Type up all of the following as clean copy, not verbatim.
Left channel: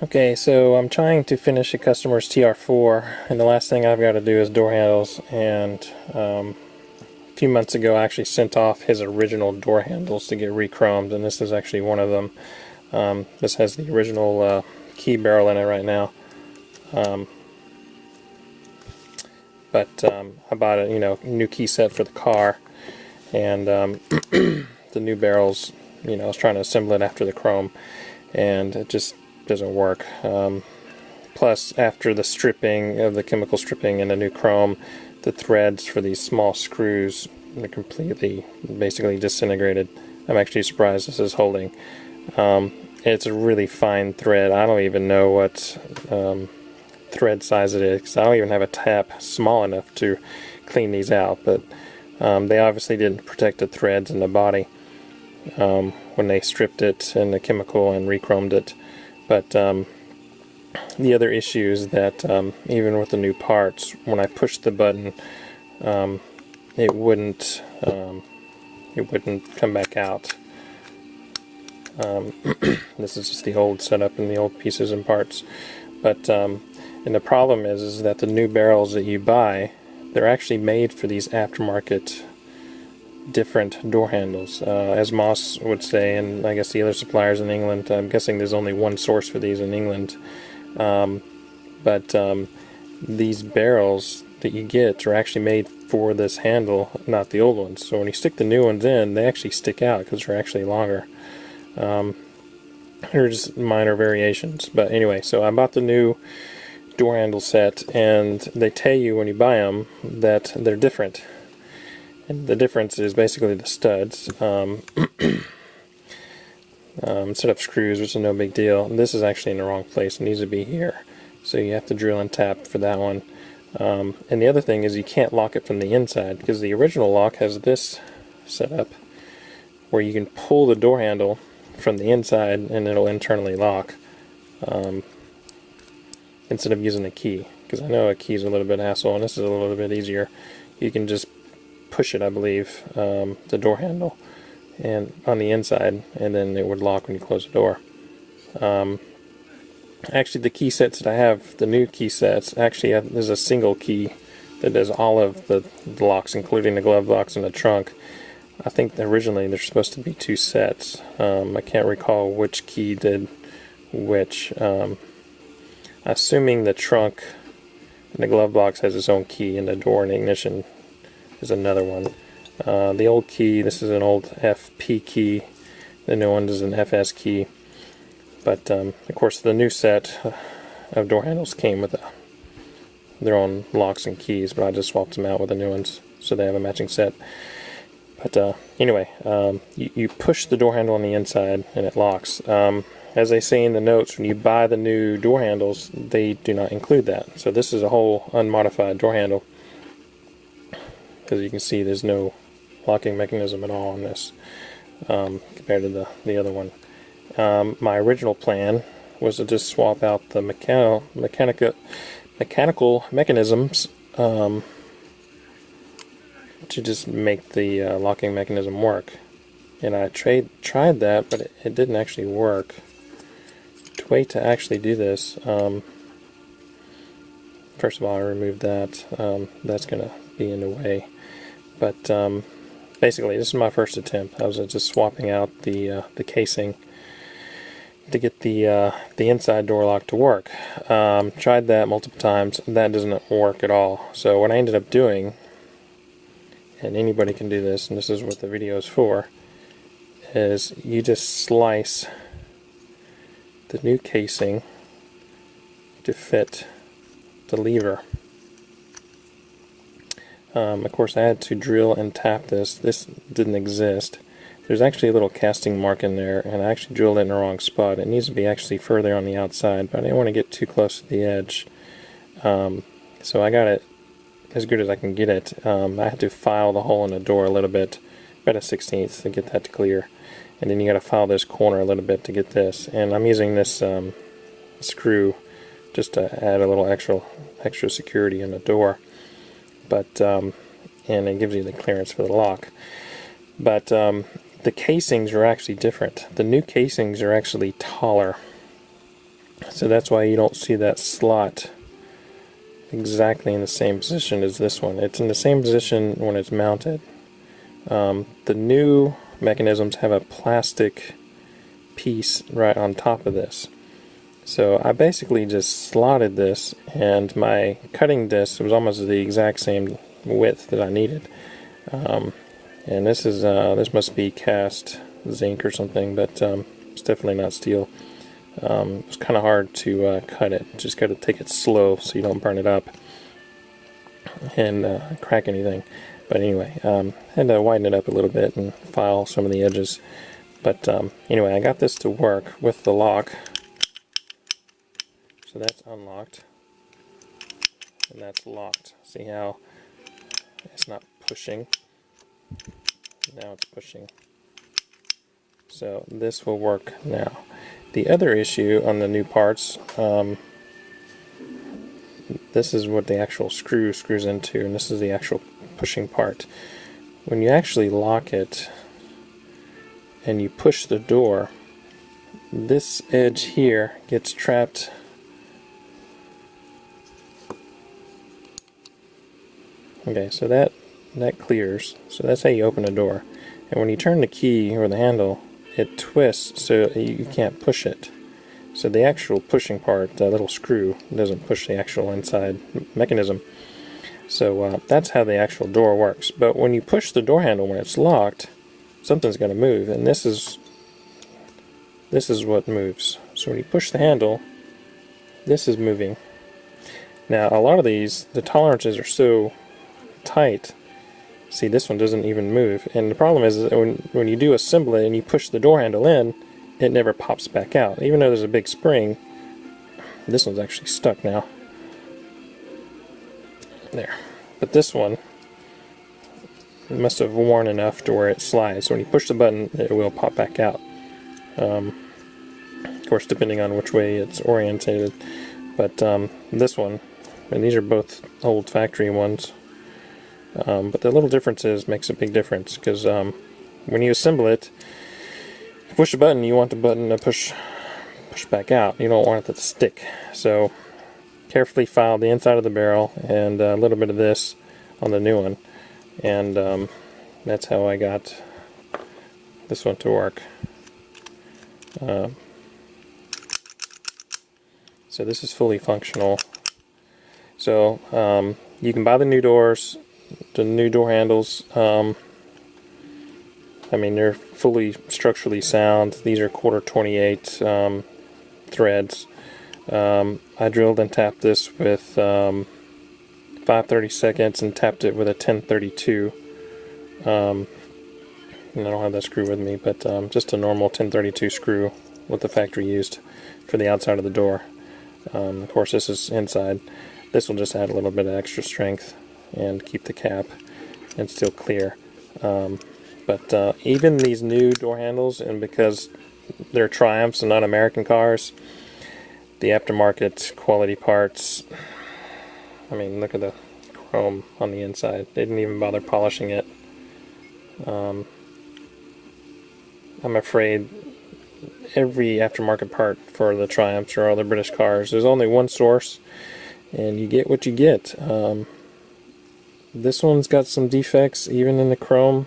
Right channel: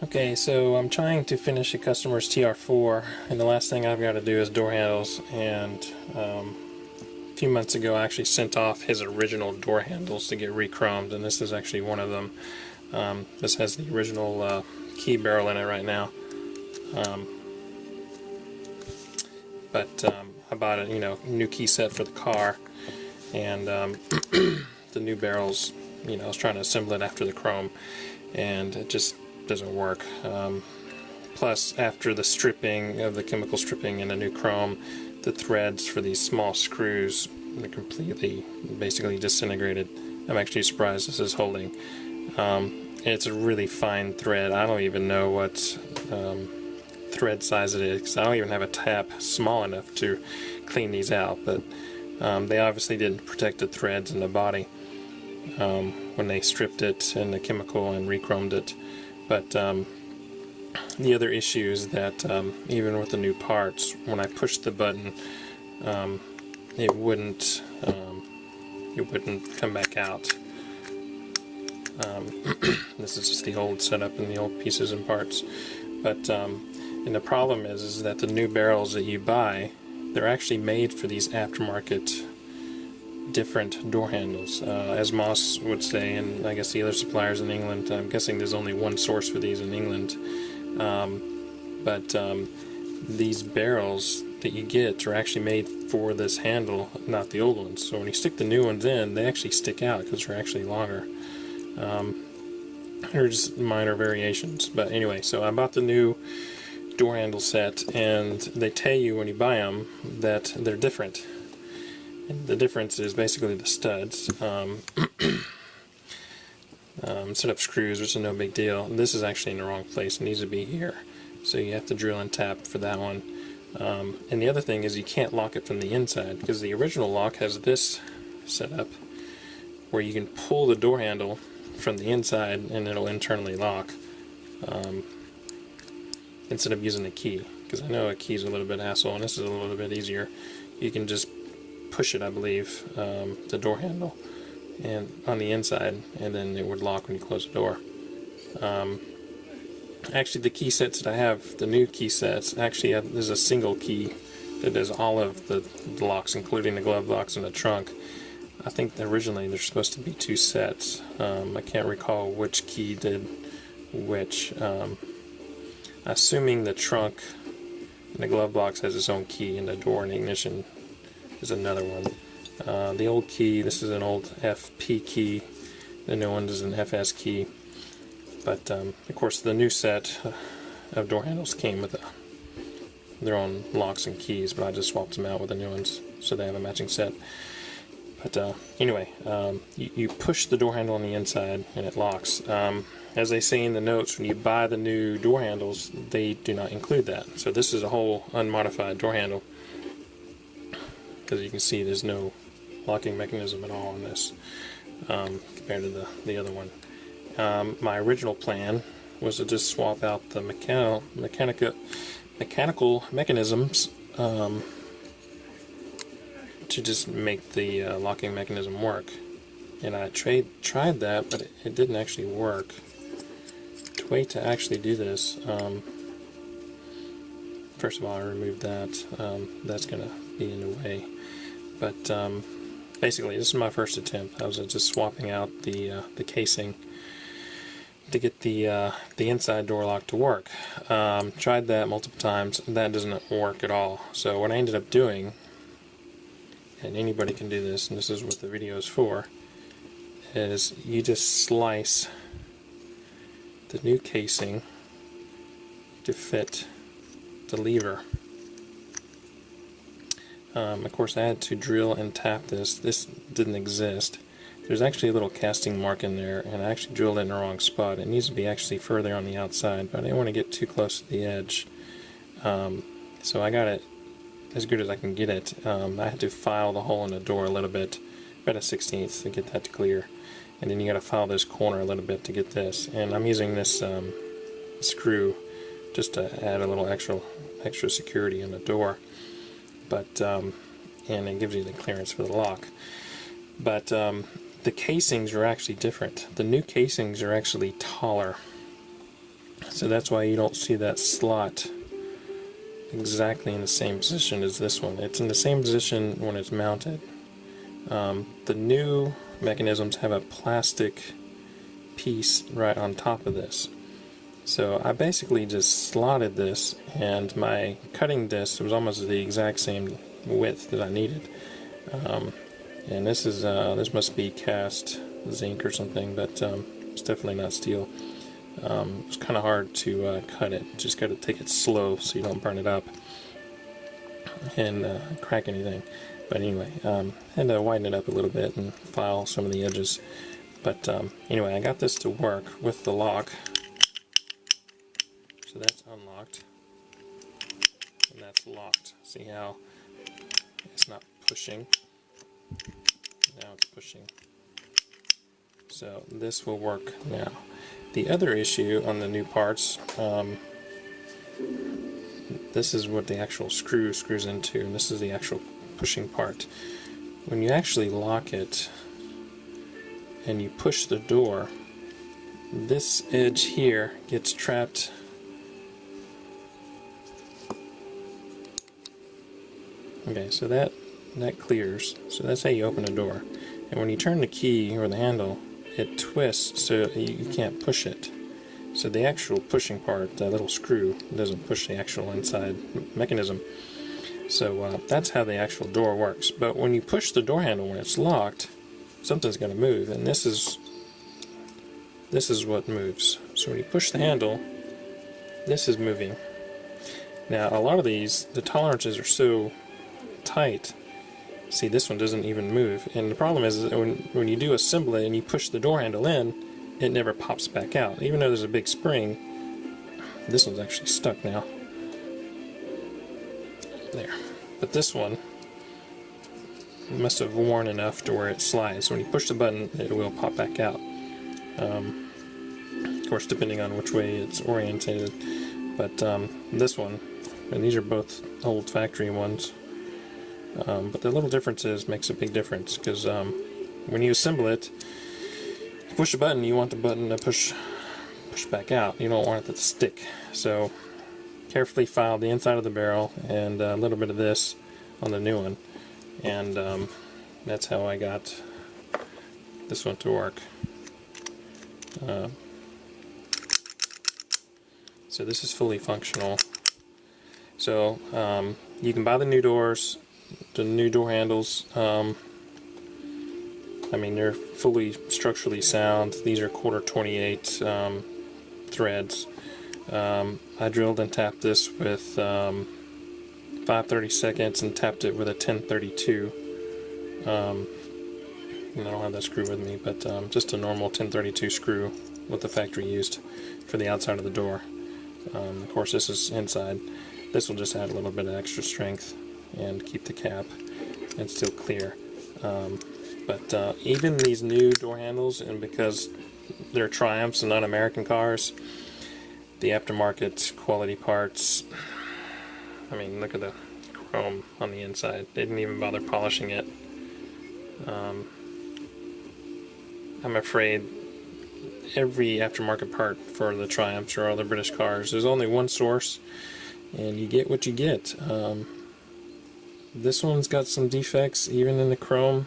Okay, so I'm trying to finish a customer's TR4, and the last thing I've got to do is door handles. And a few months ago I actually sent off his original door handles to get re-chromed, and this is actually one of them. This has the original key barrel in it right now. I bought a new key set for the car, and the new barrels, I was trying to assemble it after the chrome, and it just doesn't work. Plus, after the stripping of the chemical stripping and the new chrome, the threads for these small screws are completely, basically disintegrated. I'm actually surprised this is holding. It's a really fine thread. I don't even know what thread size it is, 'cause I don't even have a tap small enough to clean these out, but they obviously didn't protect the threads in the body when they stripped it in the chemical and re-chromed it. But the other issue is that even with the new parts, when I pushed the button, it wouldn't come back out. This is just the old setup and the old pieces and parts. But and the problem is that the new barrels that you buy, they're actually made for these aftermarket different door handles. As Moss would say, and I guess the other suppliers in England, I'm guessing there's only one source for these in England, but these barrels that you get are actually made for this handle, not the old ones. So when you stick the new ones in, they actually stick out because they're actually longer. They're just minor variations. But anyway, so I bought the new door handle set, and they tell you when you buy them that they're different. And the difference is basically the studs. Set up screws, which is no big deal. This is actually in the wrong place. It needs to be here. So you have to drill and tap for that one. And the other thing is you can't lock it from the inside, because the original lock has this setup where you can pull the door handle from the inside and it'll internally lock, instead of using a key. Because I know a key is a little bit hassle, and this is a little bit easier. You can just push it, I believe, the door handle and on the inside, and then it would lock when you close the door. Actually, the key sets that I have, the new key sets, actually there's a single key that does all of the locks, including the glove box and the trunk. I think originally there's supposed to be two sets. I can't recall which key did which. Assuming the trunk and the glove box has its own key, and the door and ignition is another one. The old key, this is an old FP key, the new one is an FS key. But of course the new set of door handles came with their own locks and keys, but I just swapped them out with the new ones so they have a matching set. But anyway, you push the door handle on the inside and it locks. As they say in the notes, when you buy the new door handles, they do not include that. So this is a whole unmodified door handle. Because you can see there's no locking mechanism at all on this, compared to the other one. My original plan was to just swap out the mechanical mechanisms to just make the locking mechanism work. And I tried that, but it didn't actually work. To wait to actually do this, first of all, I removed that. That's going to be in the way. But basically, this is my first attempt. I was just swapping out the casing to get the inside door lock to work. Tried that multiple times. That doesn't work at all. So what I ended up doing, and anybody can do this, and this is what the video is for, is you just slice the new casing to fit the lever. Of course, I had to drill and tap this. This didn't exist. There's actually a little casting mark in there, and I actually drilled it in the wrong spot. It needs to be actually further on the outside, but I didn't want to get too close to the edge. So I got it as good as I can get it. I had to file the hole in the door a little bit, about a 1/16 to get that to clear. And then you got to file this corner a little bit to get this. And I'm using this screw just to add a little extra security in the door. But and it gives you the clearance for the lock. But the casings are actually different. The new casings are actually taller. So that's why you don't see that slot exactly in the same position as this one. It's in the same position when it's mounted. The new mechanisms have a plastic piece right on top of this. So I basically just slotted this, and my cutting disc was almost the exact same width that I needed. And this is this must be cast zinc or something, but it's definitely not steel. It's kind of hard to cut it. Just got to take it slow so you don't burn it up and crack anything. But anyway, had to widen it up a little bit and file some of the edges. But anyway, I got this to work with the lock. So that's unlocked, and that's locked. See how it's not pushing? Now it's pushing. So this will work now. The other issue on the new parts, this is what the actual screw screws into, and this is the actual pushing part. When you actually lock it and you push the door, this edge here gets trapped. Okay, so that clears. So that's how you open a door. And when you turn the key or the handle, it twists so you can't push it. So the actual pushing part, that little screw, doesn't push the actual inside mechanism. So that's how the actual door works. But when you push the door handle when it's locked, something's going to move, and this is what moves. So when you push the handle, this is moving. Now a lot of these, the tolerances are so tight. See, this one doesn't even move, and the problem is that when you do assemble it and you push the door handle in, it never pops back out. Even though there's a big spring, this one's actually stuck now. There. But this one, it must have worn enough to where it slides. So when you push the button, it will pop back out. Of course, depending on which way it's orientated. But this one, and these are both old factory ones. But the little differences makes a big difference, because when you assemble it, you push a button, you want the button to push back out. You don't want it to stick. So carefully file the inside of the barrel and a little bit of this on the new one, and that's how I got this one to work. So this is fully functional. So you can buy the new doors, the new door handles. I mean, they're fully structurally sound. These are 1/4 28 threads. I drilled and tapped this with 5/32 and tapped it with a 1032. And I don't have that screw with me, but just a normal 1032 screw, what the factory used for the outside of the door. Of course, this is inside. This will just add a little bit of extra strength and keep the cap and still clear. But even these new door handles, and because they're Triumphs and not American cars, the aftermarket quality parts, I mean, look at the chrome on the inside. They didn't even bother polishing it. I'm afraid every aftermarket part for the Triumphs or other British cars, there's only one source, and you get what you get. This one's got some defects, even in the chrome.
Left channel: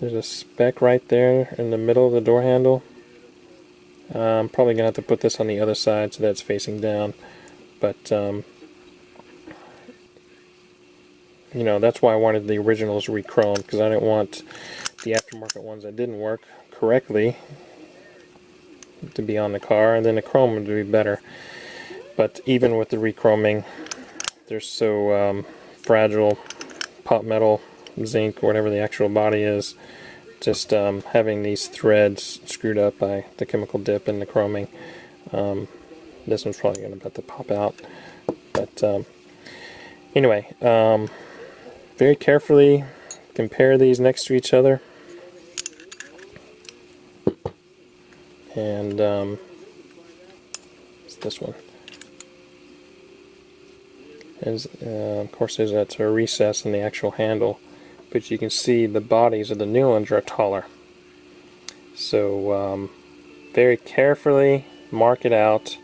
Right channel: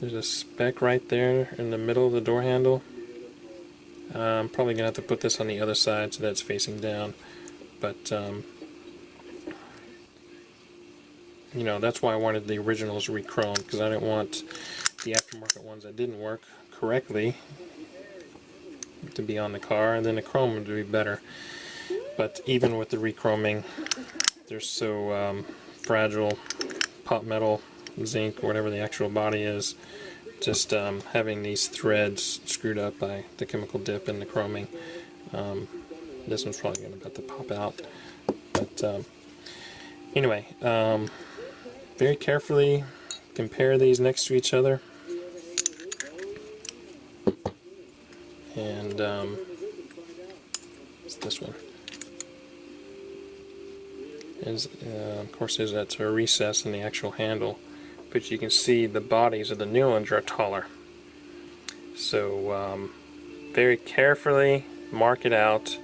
There's a speck right there in the middle of the door handle. I'm probably going to have to put this on the other side so that it's facing down. But, you know, that's why I wanted the originals re-chromed, because I didn't want the aftermarket ones that didn't work correctly to be on the car, and then the chrome would be better. But even with the re-chroming, they're so fragile, pot metal, zinc, whatever the actual body is, just having these threads screwed up by the chemical dip and the chroming, this one's probably going to have to pop out. But anyway, very carefully compare these next to each other, and it's this one. Of course, that's a recess in the actual handle, but you can see the bodies of the new ones are taller. So very carefully mark it out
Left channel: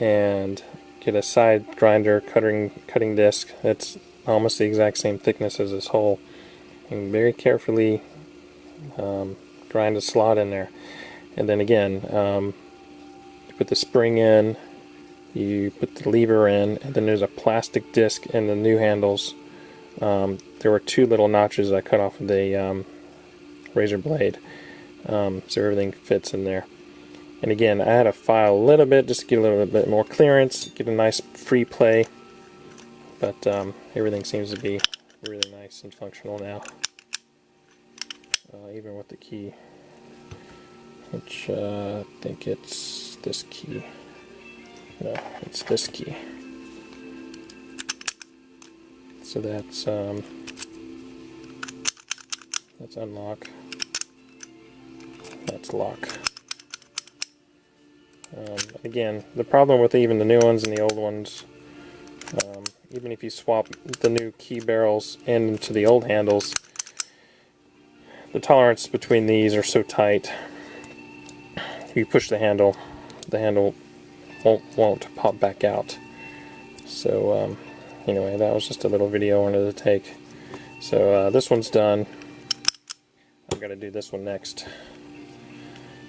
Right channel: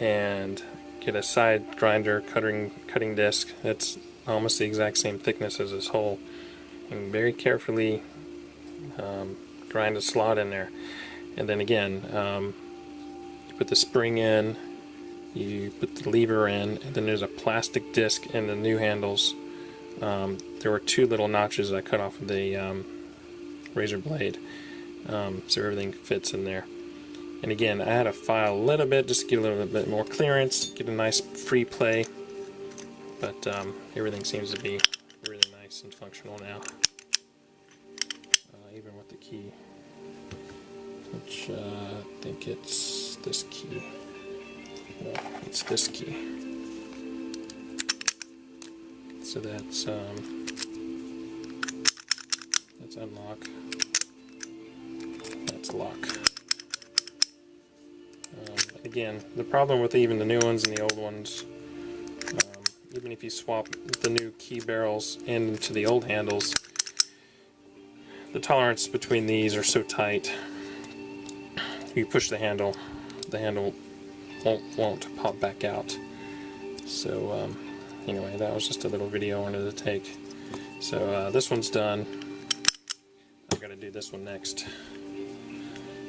and get a side grinder cutting disc. It's almost the exact same thickness as this hole, and very carefully grind a slot in there. And then again, you put the spring in, you put the lever in, and then there's a plastic disc in the new handles. There were 2 little notches I cut off of the razor blade, so everything fits in there. And again, I had to file a little bit just to get a little bit more clearance, get a nice free play, but everything seems to be really nice and functional now, even with the key, which I think it's this key. No, it's this key. So that's unlock. That's lock. Again, the problem with even the new ones and the old ones, even if you swap the new key barrels into the old handles, the tolerance between these are so tight. If you push the handle won't pop back out. So anyway, that was just a little video I wanted to take. So this one's done. I've got to do this one next.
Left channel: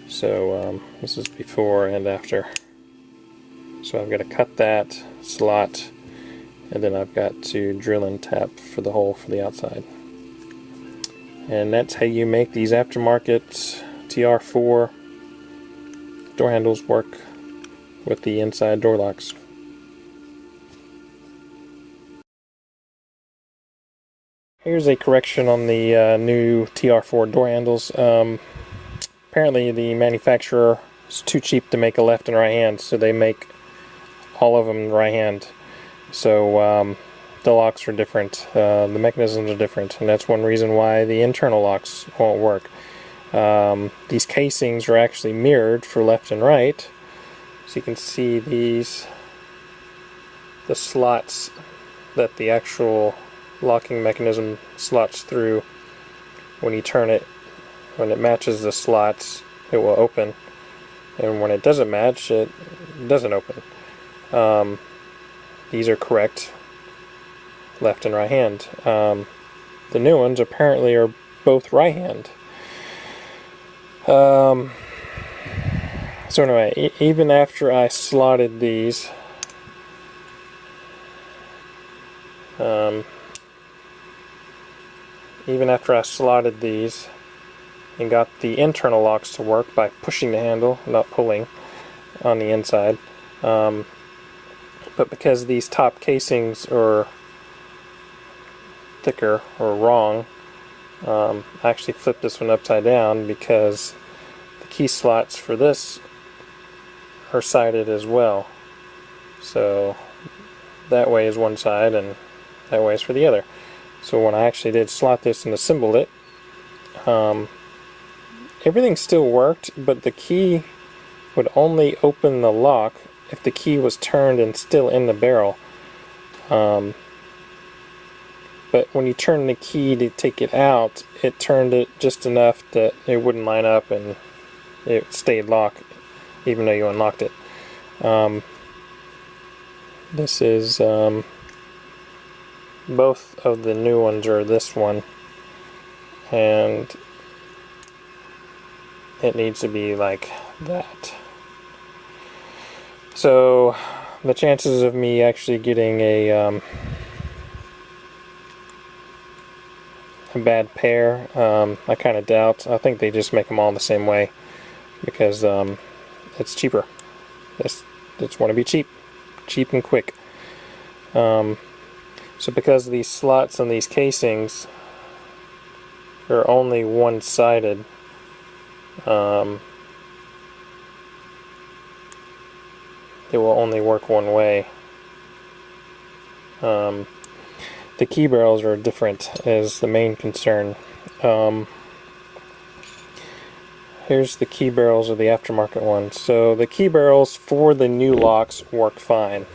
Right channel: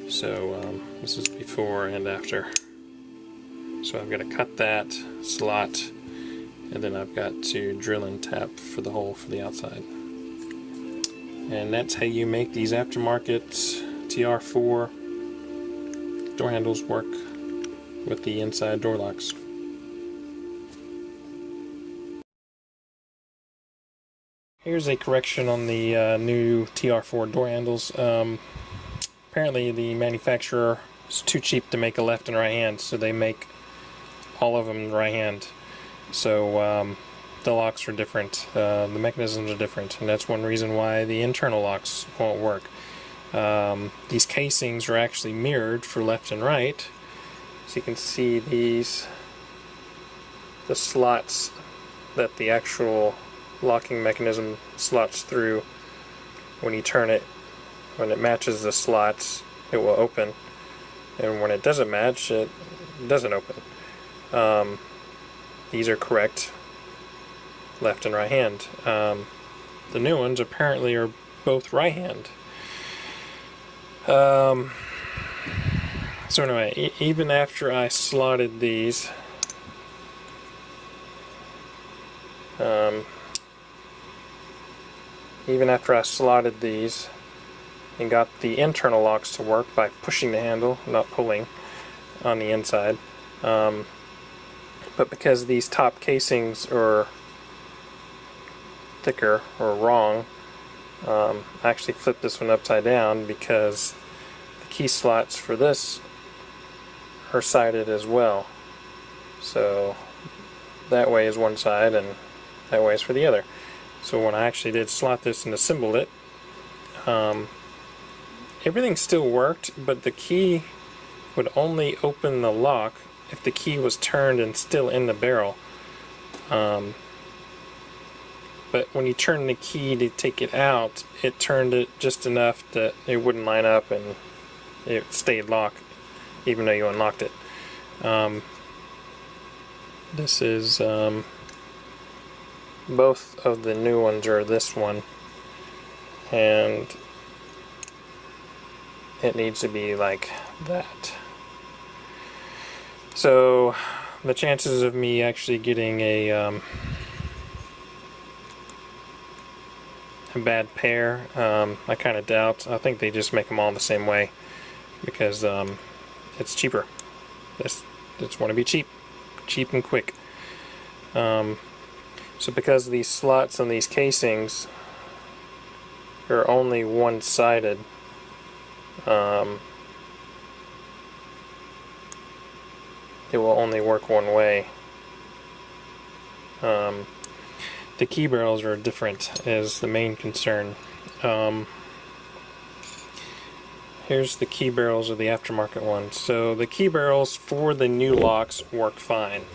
So this is before and after. So I've got to cut that slot, and then I've got to drill and tap for the hole for the outside. And that's how you make these aftermarket TR4 door handles work with the inside door locks. Here's a correction on the new TR4 door handles. Apparently the manufacturer is too cheap to make a left and right hand, so they make all of them right hand. So the locks are different, the mechanisms are different, and that's one reason why the internal locks won't work. These casings are actually mirrored for left and right, so you can see the slots that the actual locking mechanism slots through. When you turn it, when it matches the slots, it will open, and when it doesn't match, it doesn't open. These are correct left and right hand. The new ones apparently are both right hand. So anyway, even after I slotted these, and got the internal locks to work by pushing the handle, not pulling on the inside, but because these top casings are thicker or wrong, I actually flipped this one upside down because the key slots for this are sided as well. So that way is one side and that way is for the other. So when I actually did slot this and assemble it, everything still worked, but the key would only open the lock if the key was turned and still in the barrel. But when you turn the key to take it out, it turned it just enough that it wouldn't line up and it stayed locked even though you unlocked it. This is both of the new ones are this one, and it needs to be like that. So the chances of me actually getting a bad pair, I kind of doubt. I think they just make them all the same way because it's cheaper. Just want to be cheap and quick. So because these slots on these casings are only one-sided, it will only work one way. The key barrels are different is the main concern. Here's the key barrels of the aftermarket ones. So the key barrels for the new locks work fine.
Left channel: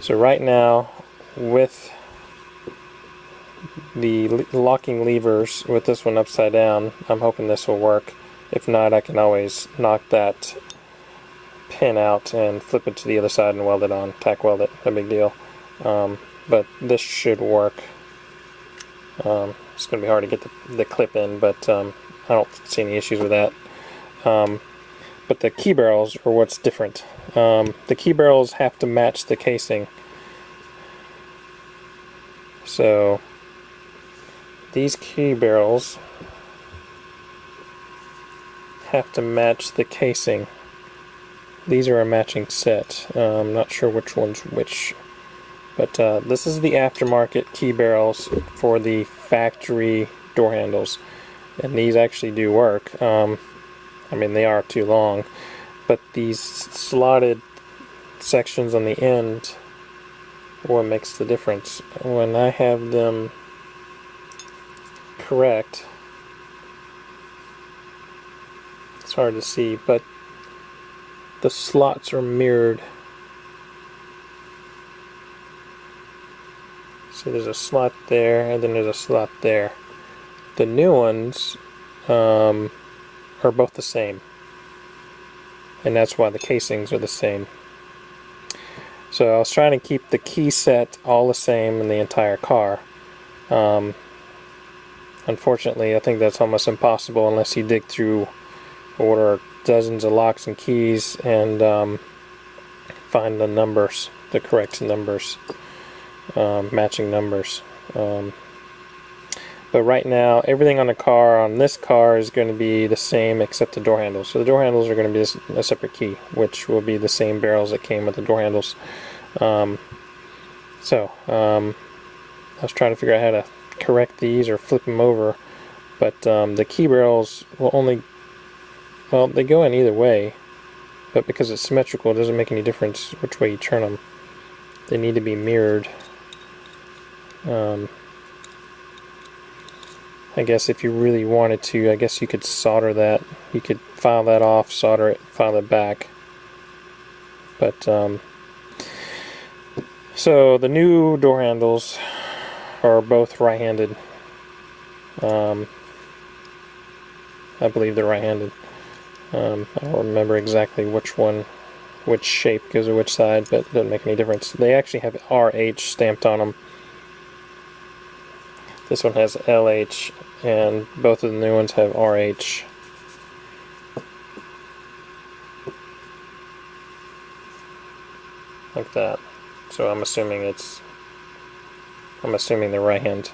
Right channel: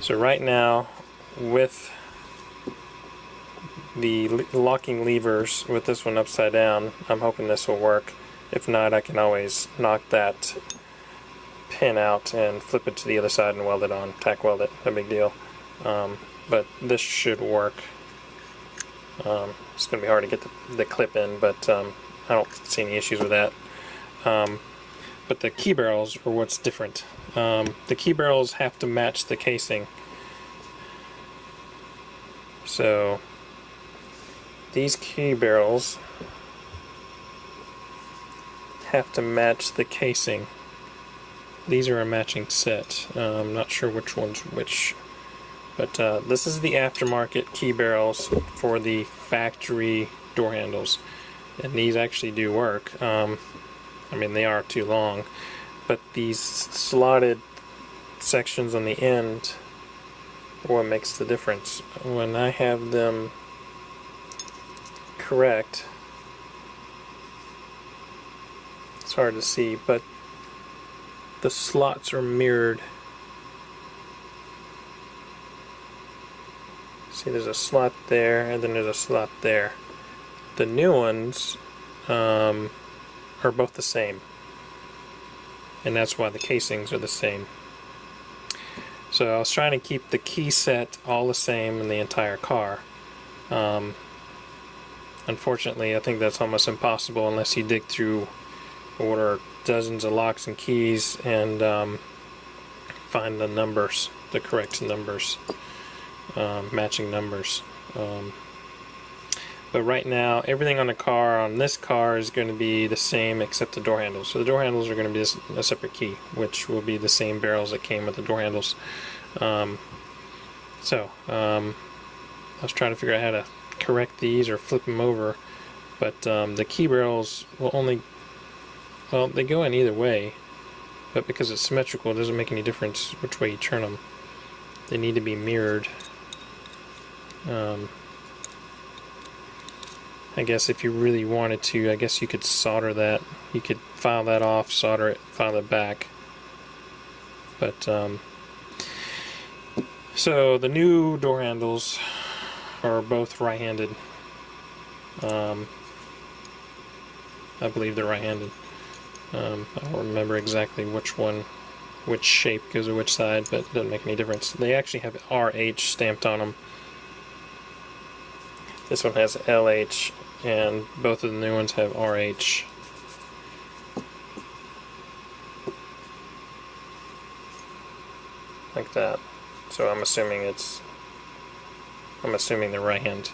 So right now, with the locking levers, with this one upside down, I'm hoping this will work. If not, I can always knock that pin out and flip it to the other side and weld it on, tack weld it, no big deal. But this should work. It's going to be hard to get the clip in, but I don't see any issues with that. But the key barrels are what's different. The key barrels have to match the casing. So these key barrels have to match the casing. These are a matching set. I'm not sure which one's which. But this is the aftermarket key barrels for the factory door handles. And these actually do work. I mean, they are too long. But these slotted sections on the end are what makes the difference. When I have them correct, it's hard to see, but the slots are mirrored. See, there's a slot there, and then there's a slot there. The new ones are both the same, and that's why the casings are the same. So I was trying to keep the key set all the same in the entire car. Unfortunately, I think that's almost impossible unless you dig through, order dozens of locks and keys, and find the numbers, the correct numbers, matching numbers. But right now, everything on the car, on this car, is going to be the same except the door handles. So the door handles are going to be a separate key, which will be the same barrels that came with the door handles. I was trying to figure out how to correct these or flip them over, but the key barrels will only, well, they go in either way, but because it's symmetrical, it doesn't make any difference which way you turn them. They need to be mirrored. I guess if you really wanted to, I guess you could solder that. You could file that off, solder it, file it back. But, so the new door handles are both right-handed. I believe they're right-handed. I don't remember exactly which shape goes to which side, but it doesn't make any difference. They actually have RH stamped on them. This one has LH, and both of the new ones have RH. Like that. So I'm assuming they're right-handed.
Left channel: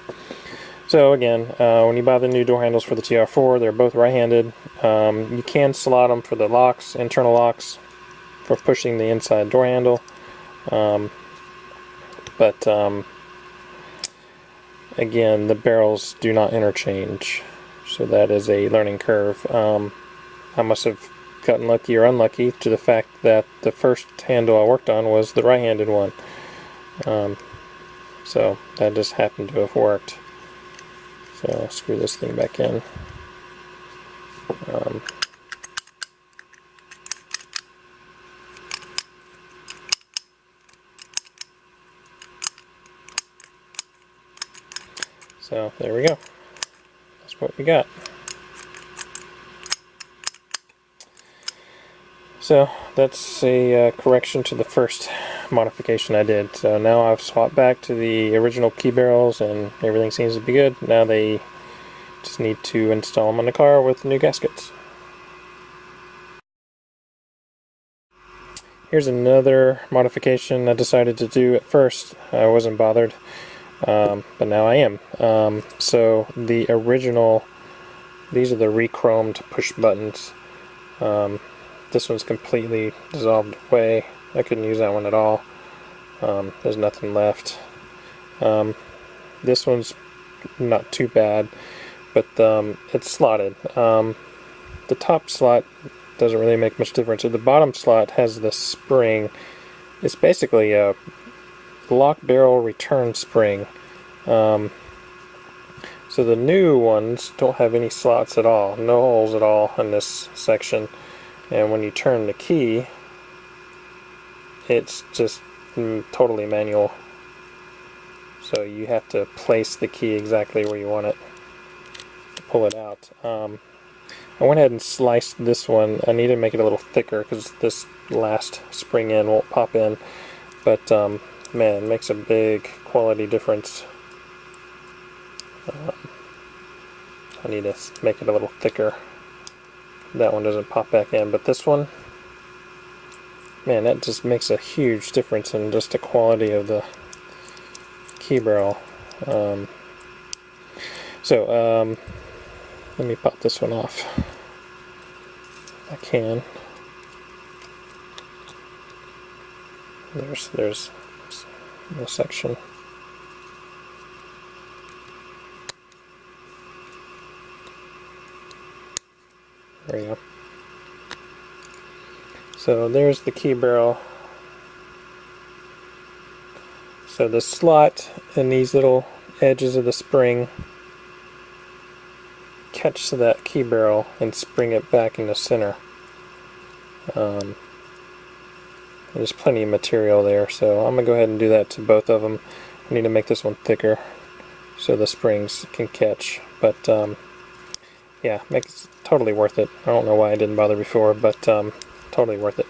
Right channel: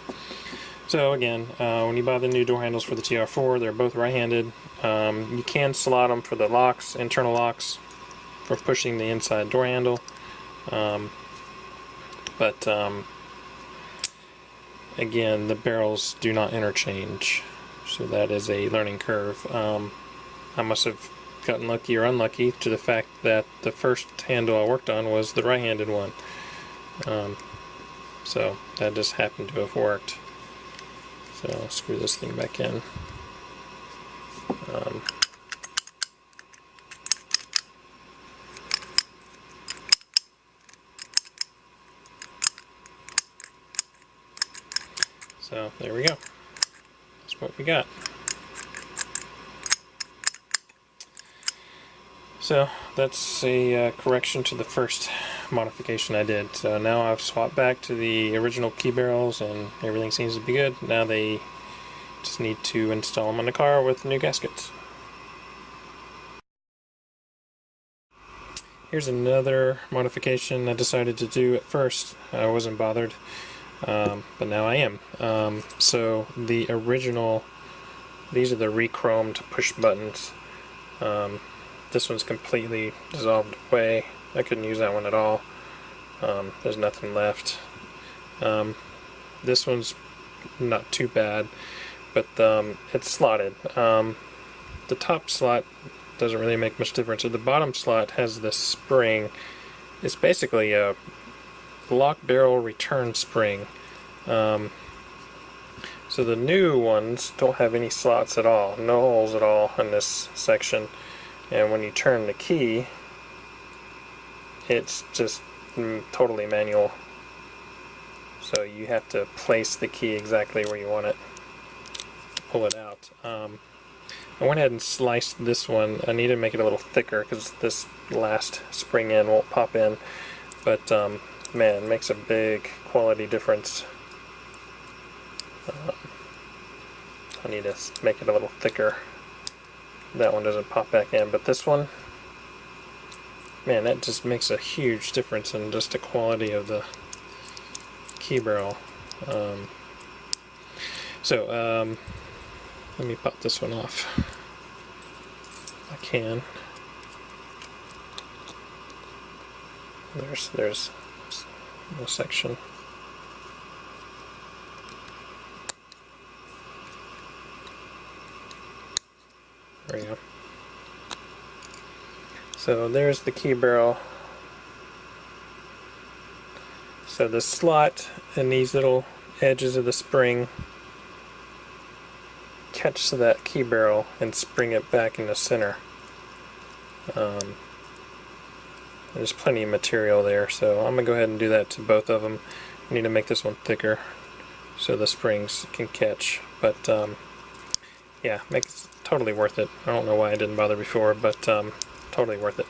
So again, when you buy the new door handles for the TR4, they're both right-handed. You can slot them for the locks, internal locks, for pushing the inside door handle. Again, the barrels do not interchange, so that is a learning curve. I must have gotten lucky or unlucky to the fact that the first handle I worked on was the right-handed one. So that just happened to have worked. So I'll screw this thing back in. So there we go. That's what we got. So that's a correction to the first modification I did. So now I've swapped back to the original key barrels and everything seems to be good. Now they just need to install them on the car with new gaskets. Here's another modification I decided to do at first. I wasn't bothered. But now I am. So the original, these are the rechromed push buttons. This one's completely dissolved away. I couldn't use that one at all. There's nothing left. This one's not too bad, but it's slotted. The top slot doesn't really make much difference. So the bottom slot has this spring. It's basically a lock barrel return spring. So the new ones don't have any slots at all, no holes at all in this section, and when you turn the key, it's just totally manual. So you have to place the key exactly where you want it to pull it out. I went ahead and sliced this one. I need to make it a little thicker because this last spring end won't pop in. But man, it makes a big quality difference. I need to make it a little thicker. That one doesn't pop back in, but this one, man, that just makes a huge difference in just the quality of the key barrel. Let me pop this one off. I can. There's no section. There we go. So there's the key barrel. So the slot and these little edges of the spring catch that key barrel and spring it back in the center. There's plenty of material there, so I'm going to go ahead and do that to both of them. I need to make this one thicker so the springs can catch, but yeah, makes totally worth it. I don't know why I didn't bother before, but totally worth it.